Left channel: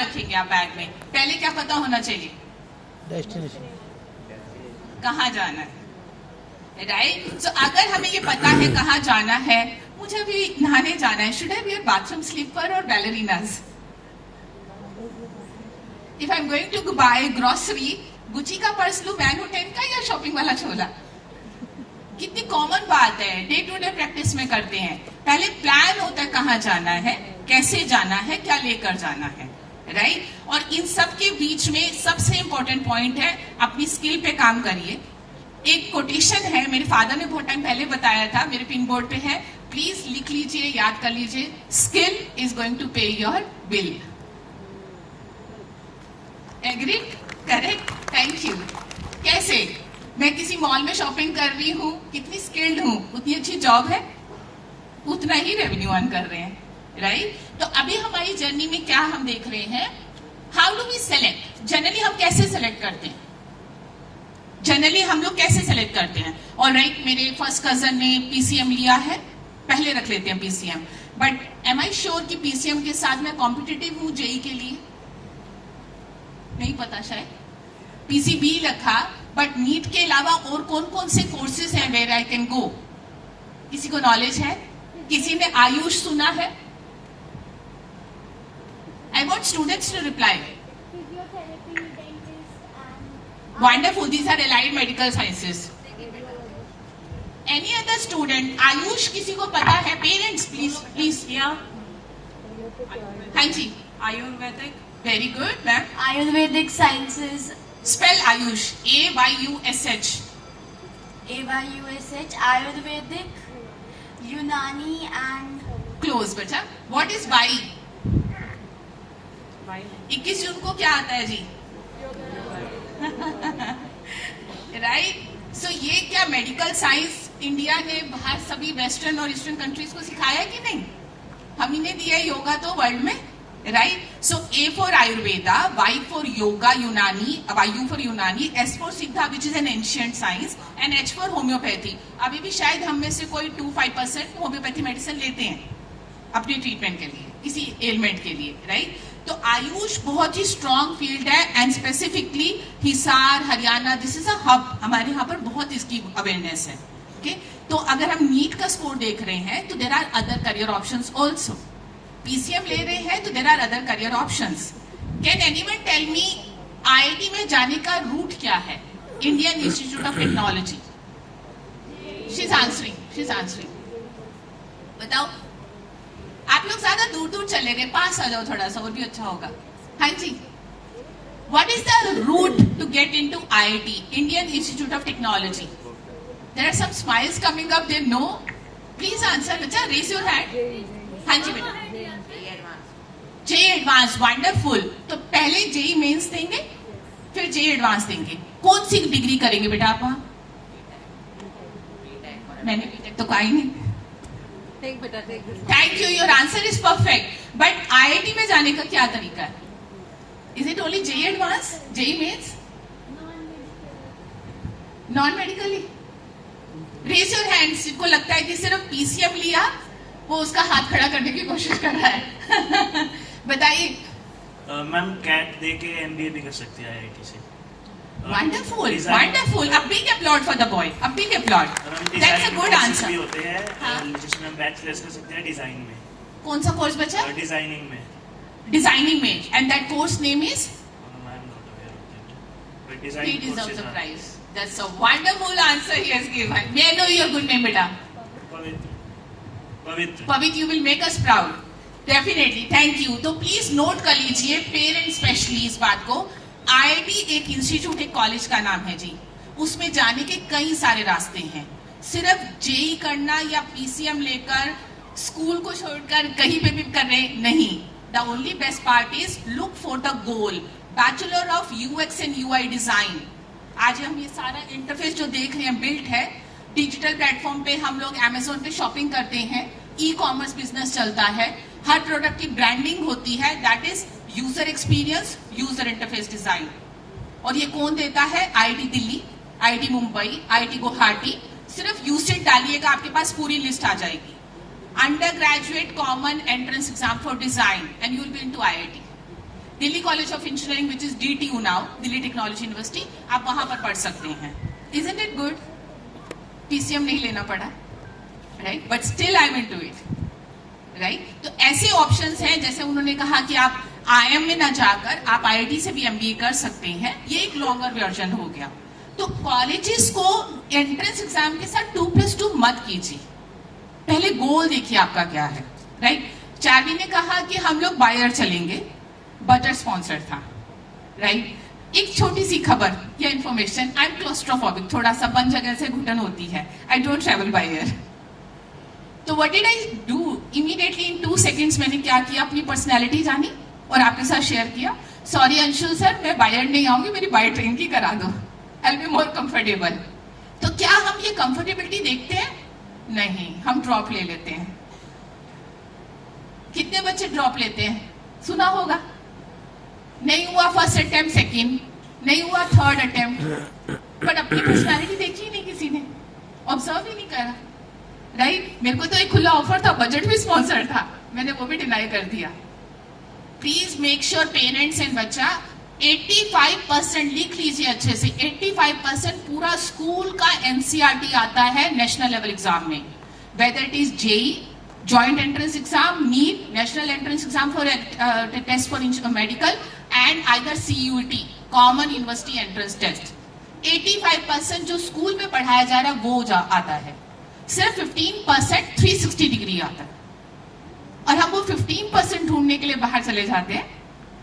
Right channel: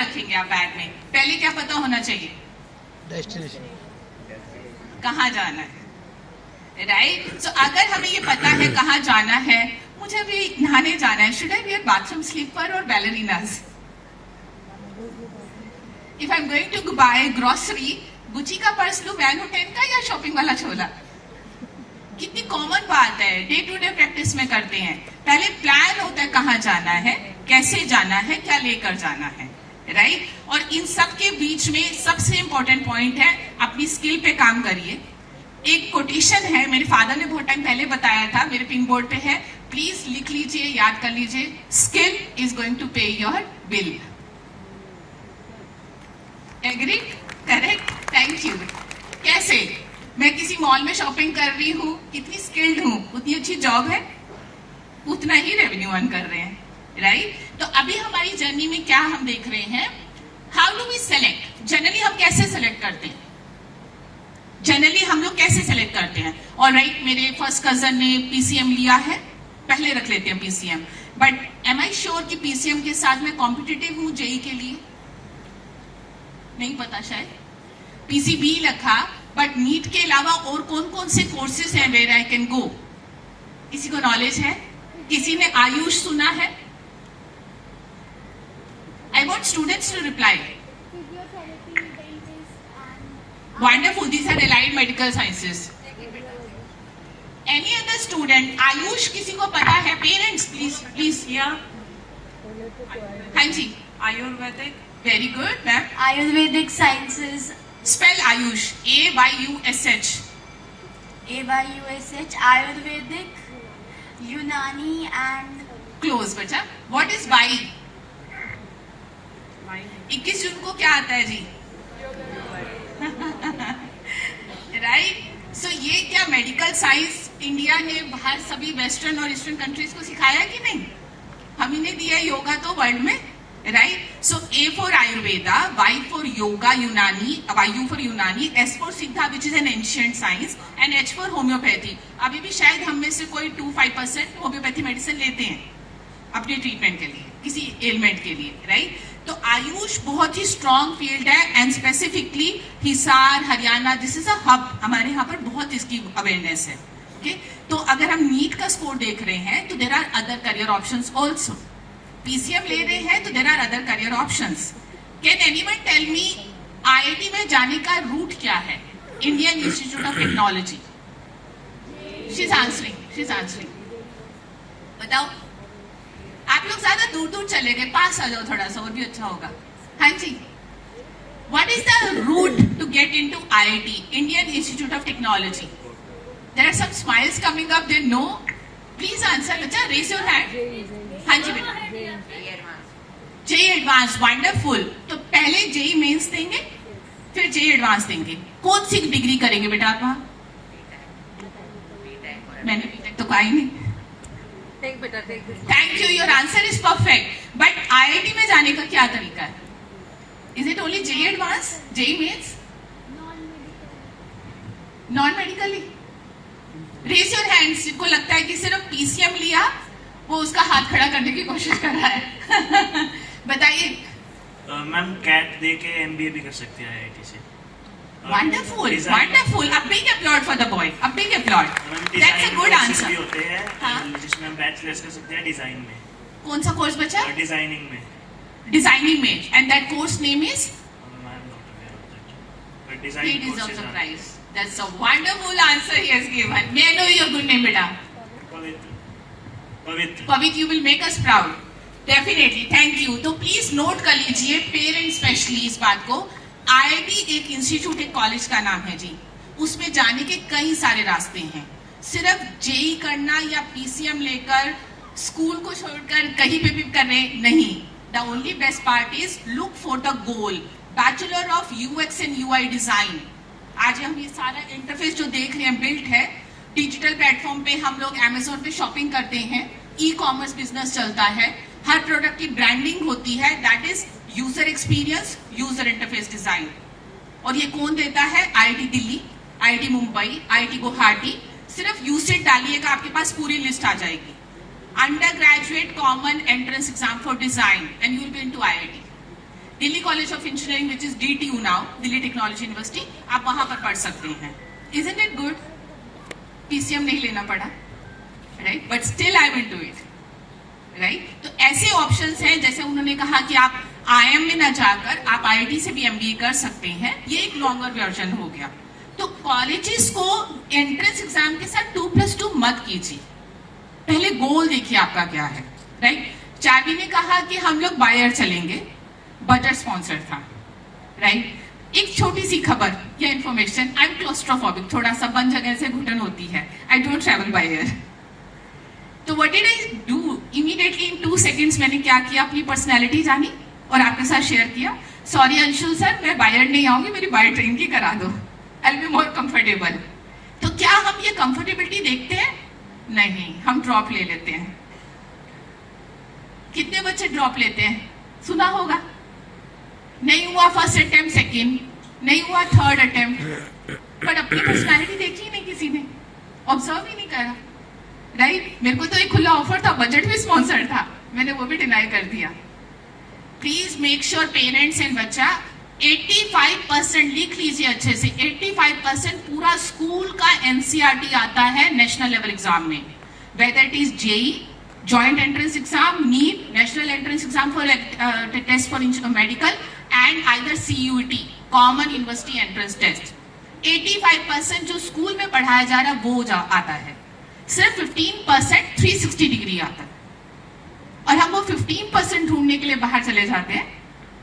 रखेंगे आप बैग में? पहले क्या पता होना चाहिए? डेस्टिनेशन, कहाँ जाना है, राइट? सो अगर हमें ये पता है कहाँ जाना है, मुझे भी नहाने जाना है, should I wear bathroom slipper और ballerinas? If I am going to buy grocery, Gucci का पर्स लूं, वैन होटल का, या शॉपिंग वाला छोला? कितनी कॉमन बात है, डे टू डे प्रैक्टिस में करते हैं। पहले प्लान होता है कहाँ जाना है, कैसे जाना है, क्या लेकर जाना है, राइट? और इन सब के बीच में सबसे इंपॉर्टेंट पॉइंट है, अपनी स्किल पे काम करिए। एक कोटेशन है, मेरे फादर ने बहुत टाइम पहले बताया था, मेरे पिन बोर्ड पे है, प्लीज लिख लीजिए, याद कर लीजिए, skill is going to pay your bill. Agree? Correct, thank you. कैसे? मैं किसी मॉल में शॉपिंग कर रही हूँ, कितनी स्किल्ड हूँ, उतनी अच्छी जॉब है, उतना ही रेवेन्यू अर्न कर रहे हैं, राइट? तो अभी हमारी जर्नी में क्या हम देख रहे हैं, how do we select? Generally हम कैसे सेलेक्ट करते हैं? जनरली हम लोग कैसे सेलेक्ट करते हैं? और राइट, मेरे फर्स्ट कजन ने पीसीएम लिया है, पहले रख लेते हैं PCM, but am I sure कि पीसीएम के साथ मैं कॉम्पिटिटिव हूँ जेई के लिए? नहीं पता शायद। पीसीबी रखा, बट नीट के अलावा और कौन कौन से कोर्सेज हैं वेयर आई कैन गो? किसी को नॉलेज है? किसी ने आयुष सुना है? I want students to reply. Wonderful, these are allied medical sciences. Any other student? Ayush किसी को पता है? Parents please please. हाँ जी, Ayurvedic. Very good ma'am. Ayurvedic sciences. Spell Ayush, AYUSH। AYUSH, Ayurvedic, Unani and close बच्चा। What is by? 21 जून को क्या आता है जी? राइट? सो ये क्या मेडिकल साइंस इंडिया ने बाहर सभी वेस्टर्न और ईस्टर्न कंट्रीज को सिखाया कि नहीं? हम ही ने दिया है योगा तो वर्ल्ड में, right? So A for Ayurveda, Y for Yoga Unani, U for Unani, S for Siddha which is an ancient science, and H for Homeopathy. अभी भी शायद हम में से कोई 2-5% होम्योपैथी मेडिसिन लेते हैं अपने ट्रीटमेंट के लिए, किसी एलिमेंट के लिए, राइट? तो आयुष बहुत ही स्ट्रॉन्ग फील्ड है, and specifically Hisar, Haryana, this is a hub, हमारे यहाँ पर बहुत इसकी अवेयरनेस है, ओके? तो अगर हम नीट का स्कोर देख रहे हैं तो there are other career options also. PCM ले रहे हैं तो there are other career options. Can anyone tell me IIT में जाने का रूट क्या है? Indian Institute of Technology. She is answering. बताओ। आप लोग ज्यादा दूर दूर चले गए, पास आ जाओ थोड़ा सा, और भी अच्छा होगा। हाँ जी, what is the route to get into IIT, Indian Institute of Technology? There are some smiles coming up, they know. Please answer बच्चा, रेज योर हैंड। हाँ जी बेटा। JEE advance, wonderful. तो पहले जेई मेंस देंगे, फिर जेई एडवांस देंगे। कौन सी डिग्री करेंगे बेटा आप वहां? मैंने बीटेक तो कहा ही नहीं। Thank you, your answer is perfect. But IIT में जाने का क्या तरीका है? Is it only JEE advance, JEE mains, non medically? Raise your hands. को लगता है कि सिर्फ पीसीएम लिया, वो उसका हाथ खड़ा करने की कोशिश कर रहा है। बताइए। मैम कैट दे के एमबीए भी कर सकती है आईआईटी से। Wonderful, wonderful. A big applaud for the boy, a big applaud. That's a good answer. भी होते हैं, हाँ? जिसमें बैचलर्स कर सकते हैं डिजाइन में। कौन सा कोर्स बचा? डिजाइनिंग में। डिजाइनिंग में, and that course name is? But He design deserves courses the are- prize. That's a wonderful answer he has given. May I know your good name, beta? पवित्र। Pavit, you will make us proud. Definitely, thank you. तो please note कर लीजिए, parent specially इस बात को। IIT एक institute, एक college का नाम है जी। उसमें जाने के कई सारे रास्ते हैं। सिर्फ जेई करना या पीसीएम लेकर स्कूल को छोड़कर कहीं पे भी कर रहे नहीं। The only best part is look for the goal. Bachelor of UX and UI design. आज हम ये सारा इंटरफेस जो देख रहे हैं बिल्ट है डिजिटल प्लेटफॉर्म पे। हम लोग अमेजोन पे शॉपिंग करते हैं, ई कॉमर्स बिजनेस चलता है, हर प्रोडक्ट की ब्रांडिंग होती है। That is user experience, user interface design. और ये कौन देता है? IIT Delhi, IIT Mumbai, IIT Guwahati. सिर्फ यूसेट डालिएगा, आपके पास पूरी लिस्ट आ जाएगी। Under graduate common entrance exam for design, and you will be into IIT. Delhi college of engineering which is DTU now, Delhi technology university, आप वहां पर पढ़ सकते हैं. Isn't it good? PCM नहीं लेना पड़ा, right, but still I will do it, right. तो ऐसे ऑप्शंस हैं, जैसे उन्होंने कहा कि आप IIM में ना जाकर आप IIT से भी MBA कर सकते हैं. ये एक लॉन्गर वर्जन हो गया. तो कॉलेजेस को एंट्रेंस एग्जाम के साथ 2+2 मत कीजिए. पहले गोल देखिए आपका क्या है, राइट. चार्ली ने कहा कि हम लोग बायर चलेंगे, बजट स्पॉन्सर था, राइट. एक छोटी सी खबर या इंफॉर्मेशन, आई एम क्लोस्ट्रोफोबिक, थोड़ा सा बंद जगह से घुटन होती है, I don't travel by air. तो what did I do, immediately in 2 seconds मैंने क्या किया, अपनी पर्सनैलिटी जानी और आपके साथ शेयर किया. सॉरी अंशुल सर, मैं बाय एयर नहीं आऊंगी, मेरी बाय ट्रेन की करा दो, I will be more comfortable. तो क्या हम ये कंफर्टेबिलिटी देखते हैं? नहीं, हम ड्रॉप ले लेते हैं. कितने बच्चे ड्रॉप लेते हैं? सुना होगा. नहीं हुआ फर्स्ट अटेम्प्ट, सेकंड नहीं हुआ, थर्ड अटेम्प्ट, बट अपनी पर्सनालिटी देखी ही नहीं किसी ने, ऑब्जर्व ही नहीं करा, राइट. मेरे को तो एक खुला ऑफर था, बजट भी स्पॉन्सर था, मैंने वो भी डिनाई कर दिया. Please make sure parents and बच्चा 85% लिख लीजिए अच्छे से. 85% पूरा स्कूल का NCERT आता है नेशनल लेवल एग्जाम में, whether it is JEE, Joint Entrance Exam, NEET, National Entrance Exam for test for medical, and either CUET, Common University Entrance Test. 85% जो स्कूल में पढ़ाया जा रहा है वो आता है. सिर्फ 15% 360 डिग्री आता है, और हम वो 15% ढूंढने के लिए बाहर चले जाते हैं.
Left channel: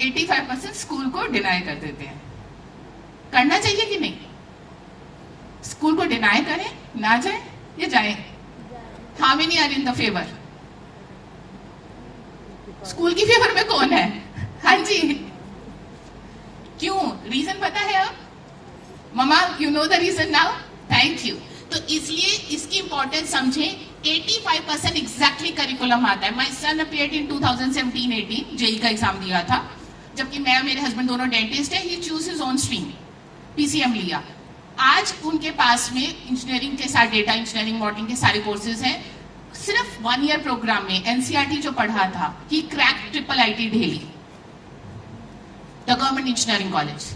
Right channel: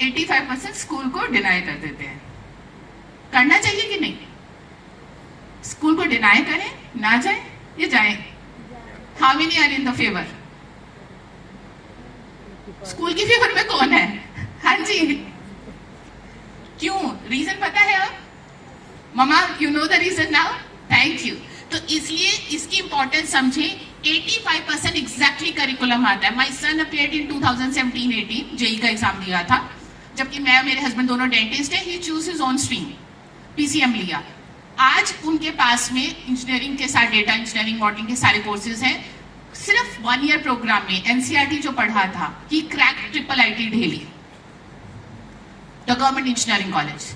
85% स्कूल को डिनाई कर देते हैं. करना चाहिए कि नहीं? स्कूल को डिनाई करें, ना जाए या जाए? How many are in the favor? School की फेवर में कौन है? हाँ जी. क्यों? रीजन पता है अब? ममा, you know the reason now? Thank you. तो इसलिए इसकी इंपॉर्टेंस समझे. 85% एग्जैक्टली करिकुलम आता है. My son appeared in 2017-18, JEE का एग्जाम दिया था, जबकि मैं, मेरे हस्बैंड दोनों डेंटिस्ट है. He choose his own stream, PCM लिया. आज उनके पास में इंजीनियरिंग के साथ डेटा इंजीनियरिंग, मॉडलिंग के सारे कोर्सेज हैं. सिर्फ 1 year प्रोग्राम में NCERT जो पढ़ा था, he crack IIIT Delhi, the government engineering college,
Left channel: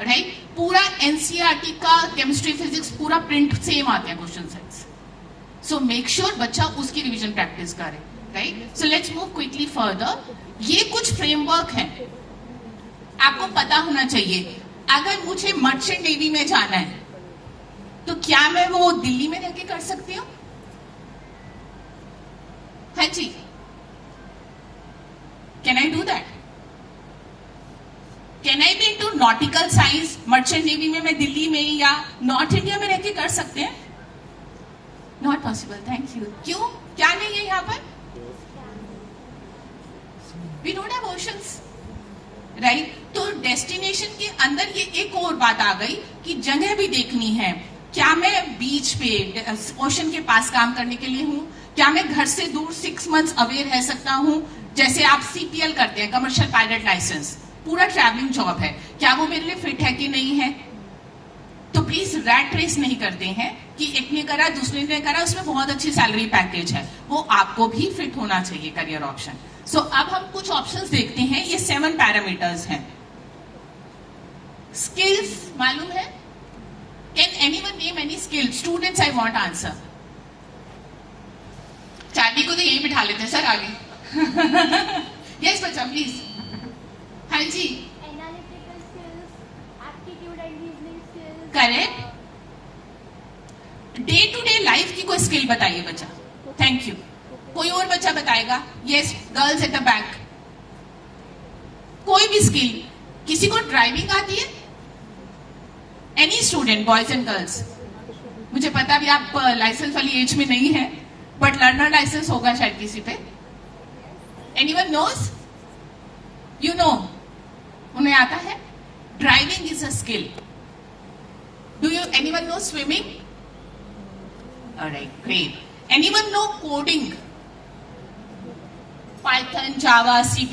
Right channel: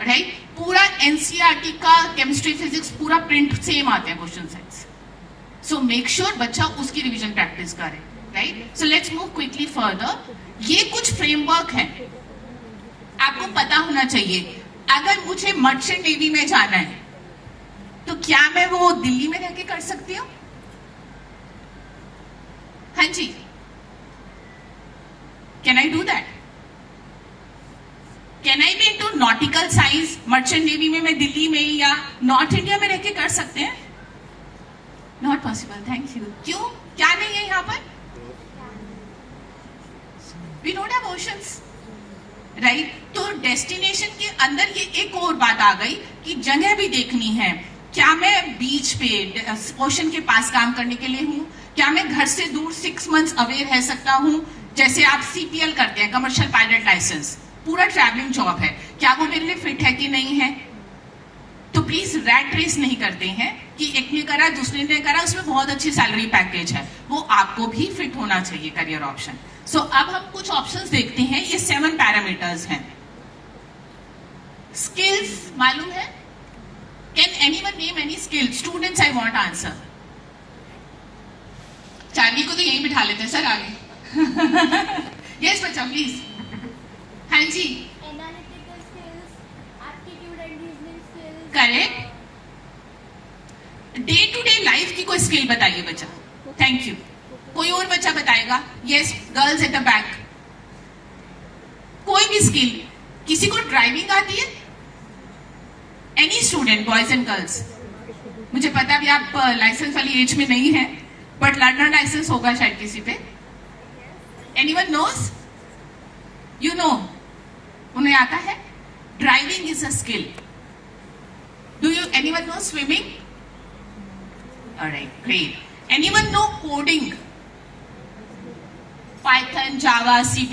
right. पूरा NCERT का केमिस्ट्री, फिजिक्स पूरा प्रिंट सेम आते हैं question sets. So make sure बच्चा उसकी रिवीजन प्रैक्टिस करे, right. So let's move quickly further. ये कुछ फ्रेमवर्क है, आपको पता होना चाहिए. अगर मुझे मर्चेंट नेवी में जाना है तो क्या मैं वो दिल्ली में रह के कर सकती हूँ? हाँ जी, can I do that? Can I get to nautical science merchant navy में मैं दिल्ली में या नॉर्थ इंडिया में रह के कर सकते हैं? Not possible. Thank you. क्यों? क्या नहीं है यहां पर? We don't have oceans, right. तो डेस्टिनेशन के अंदर ये एक और बात आ गई कि जगह भी देखनी है. क्या मैं बीच पे, ओशन के पास काम करने के लिए हूं? क्या मैं घर से दूर 6 months अवे रह सकता हूं? जैसे आप CPL करते हैं, कमर्शियल पायलट लाइसेंस, पूरा ट्रैवलिंग जॉब है, क्या वो मेरे लिए फिट है कि नहीं है? तो प्लीज रैट रेस नहीं करते हैं कि एक ने करा दूसरे ने करा, उसमें बहुत अच्छी सैलरी पैकेज है, वो आपको भी फिट होना चाहिए करियर ऑप्शन. सो अब हम कुछ ऑप्शंस देखते हैं. ये 7 पैरामीटर्स हैं. स्किल्स मालूम है? Can anyone name any skill? Students I want answer. Charlie को तो यही बिठा लेते हैं सर आगे. यस बच्चा प्लीज. हाँ जी, correct. Day to day life की कोई स्किल बताइए बच्चा. Thank you. कोई और बच्चा बताएगा? Yes, girls at the back. कोई भी स्किल. किसी को ड्राइविंग आती है? Any student, boys and girls. मुझे पता भी आप लाइसेंस वाली एज में नहीं है, बट लर्नर लाइसेंस होगा शायद किसी पे. Anyone knows? यू नो, उन्हें आता है. Driving is a skill. Do you anyone know swimming? Alright, great. Anyone know coding? Python, Java, C++?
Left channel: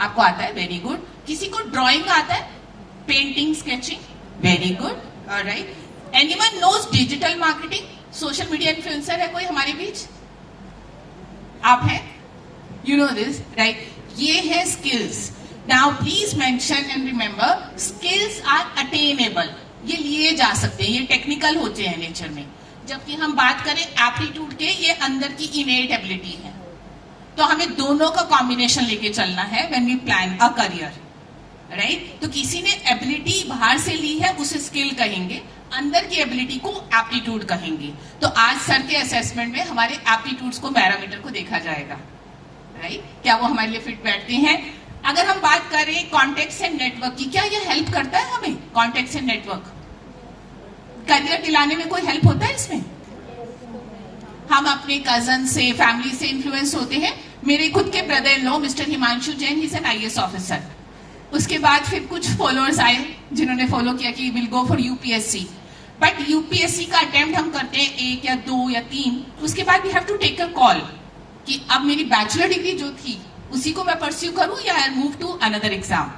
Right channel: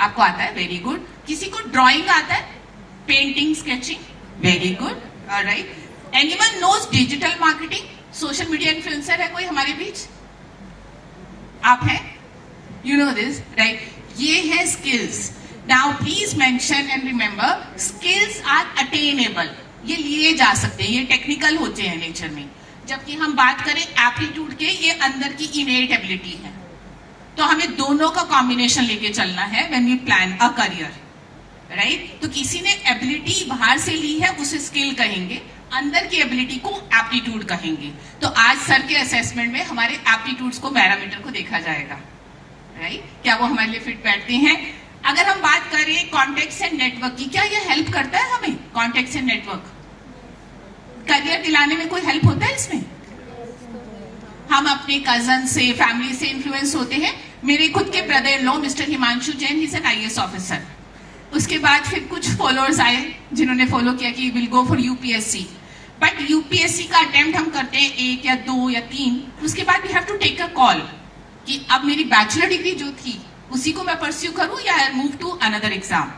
आपको आता है? Very good. किसी को ड्राइंग आता है? Painting, sketching? Very good. Alright. Anyone knows digital marketing? Social media influencer है कोई हमारे बीच? आप हैं? You know this, right. ये है skills. Now please mention and remember, skills are attainable. ये लिए जा सकते हैं, ये टेक्निकल होते हैं नेचर में. जबकि हम बात करें एप्टीट्यूड के, ये अंदर की इनेट एबिलिटी है. तो हमें दोनों का कॉम्बिनेशन लेके चलना है when we plan a career, right. तो किसी ने एबिलिटी बाहर से ली है, उसे स्किल कहेंगे. अंदर की एबिलिटी को एप्टीट्यूड कहेंगे. तो आज सर के असेसमेंट में हमारे एप्टीट्यूड्स को, पैरामीटर को देखा जाएगा, राइट. क्या वो हमारे लिए फिट बैठते हैं. अगर हम बात करें कॉन्टेक्ट एंड नेटवर्क की, क्या ये हेल्प करता है हमें? कॉन्टेक्ट एंड नेटवर्क करियर दिलाने में कोई हेल्प होता है इसमें? हम अपने कजन से, फैमिली से इन्फ्लुएंस होते हैं. मेरे खुद के brother in law mister Himanshu Jain, he is an IAS officer. उसके बाद फिर कुछ फॉलोअर्स आए जिन्होंने फॉलो किया कि will go for UPSC. But UPSC का अटेम्प्ट हम करते हैं 1 या 2 या 3. उसके बाद we have to take a call कि अब मेरी बैचलर डिग्री जो थी उसी को मैं परस्यू करूं या मूव टू अनदर एग्जाम.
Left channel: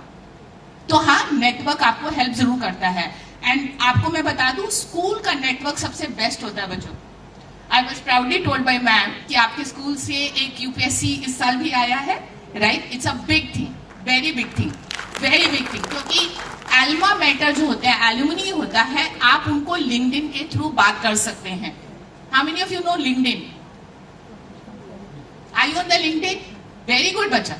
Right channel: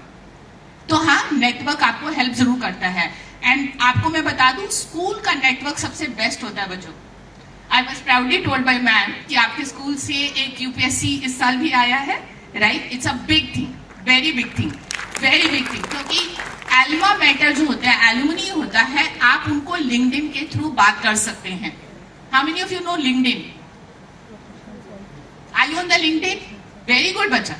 तो हाँ, नेटवर्क आपको हेल्प जरूर करता है. एंड आपको मैं बता दूं, स्कूल का नेटवर्क सबसे बेस्ट होता है बच्चों. I was proudly told by ma'am कि आपके स्कूल से एक UPSC इस साल भी आया है, right. It's a big thing, very big thing, very big thing. क्योंकि एल्मा मैटर जो होता है, एल्यूमिनी होता है, आप उनको लिंक्डइन के थ्रू बात कर सकते हैं. How many of you know LinkedIn? I you on the LinkedIn? Very good बच्चा.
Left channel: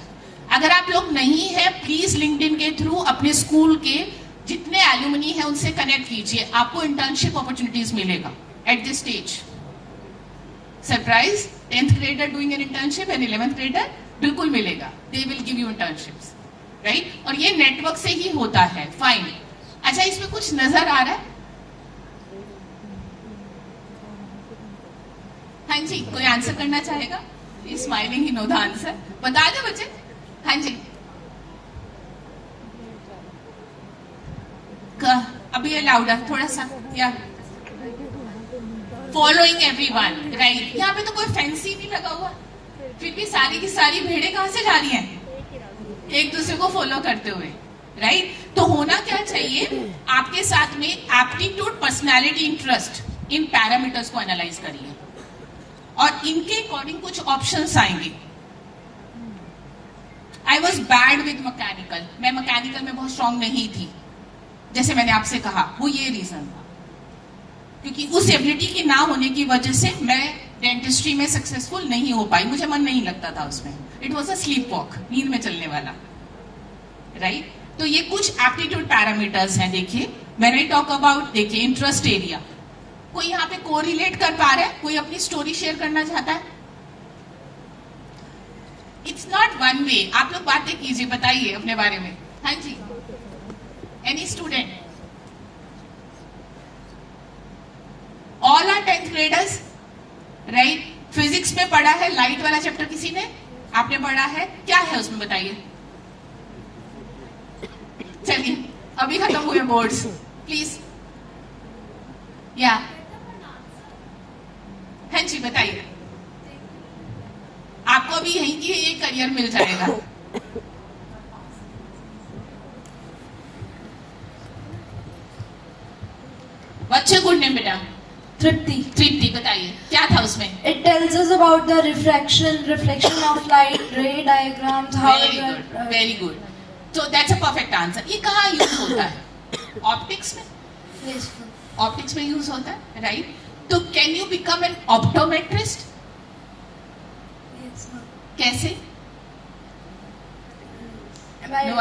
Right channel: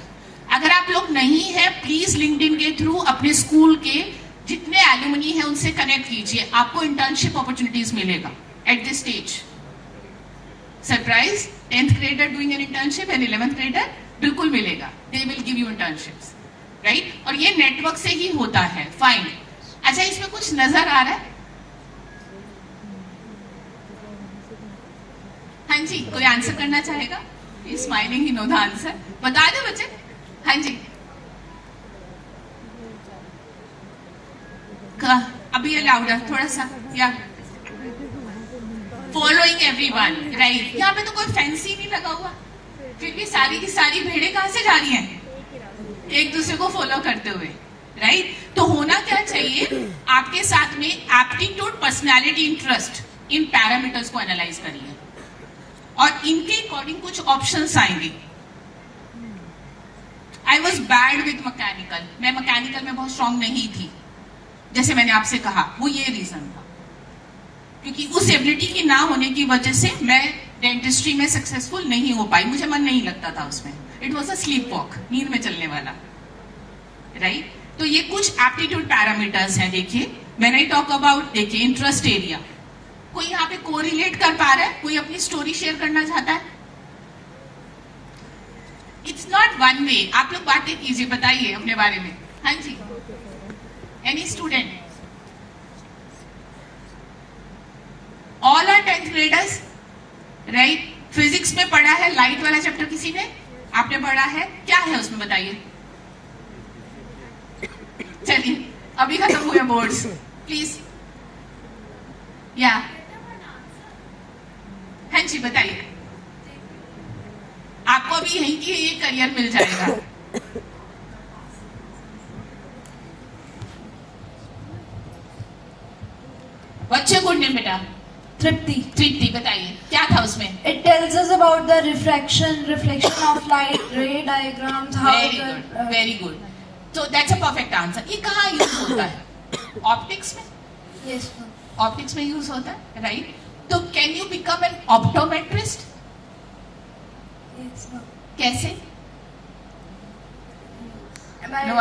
अगर आप लोग नहीं है, प्लीज लिंक्डइन के थ्रू अपने स्कूल के जितने एल्यूमिनी है उनसे कनेक्ट कीजिए. आपको इंटर्नशिप अपॉर्चुनिटीज मिलेगा at this stage. Surprise, 10th grader doing an internship and 11th grader बिल्कुल मिलेगा. They will give you internships, right. और ये नेटवर्क से ही होता है. फाइन. अच्छा, इसमें कुछ नजर आ रहा है? हाँ जी, कोई आंसर करना चाहेगा? Smiling he know the answer. बता दे बच्चे. हाँ जी, अभी ये लाउडर थोड़ा सा. या फॉलोइंग एवरीवन, राइट. यहाँ पे तो कोई फैंसी नहीं लगा हुआ, फिर भी सारी की सारी भेड़ें कहां से जा रही हैं? एक दूसरे को फॉलो करते हुए, राइट. तो होना क्या चाहिए? आपके साथ में एप्टीट्यूड, पर्सनैलिटी, इंटरेस्ट, इन पैरामीटर्स को एनालाइज करिए और इनके अकॉर्डिंग कुछ ऑप्शंस आएंगे. I was bad with mechanical. मैं मैकेनिकल में बहुत स्ट्रांग नहीं थी, जैसे मैंने आपसे कहा. वो ये रीजन था क्योंकि उस एबिलिटी की ना होने की वजह से मैं डेंटिस्ट्री में सक्सेसफुल नहीं हो पाई. मुझे मन नहीं लगता था उसमें. It was a slip walk, नींद में चलने वाला, राइट. तो ये कुछ एप्टीट्यूड पैरामीटर्स हैं. देखिए, व्हेन आई टॉक अबाउट, देखिए इंटरेस्ट एरिया. कोई यहाँ पे कोरिलेट कर पा रहा है? कोई अपनी स्टोरी शेयर करना चाहता है? It's not one way. आप लोग बातें कीजिए, बताइए अपने बारे में. हाँ जी, any student? All are 10th graders, right. Physics में पढ़ा है लाइट वाला चैप्टर किसी ने? आपने पढ़ा है? क्या है उसमें बताइए. चलिए, अभी खत्म हुए बोर्ड्स, प्लीज. या हाँ जी, बताइए. आपको अभी यहीं की ये करियर मिल जाएगा. बच्चे गुड नेम बेटा. Tripti. तृप्ति, बताइए क्या था उसमें? It tells us about the reflection of light, ray diagrams, how very good, very good. तो दैट्स अ परफेक्ट आंसर. ये कहाँ यूज होता है? ऑप्टिक्स में. Yes. ऑप्टिक्स में यूज होता है, राइट. तो can you become an optometrist? Yes. कैसे? By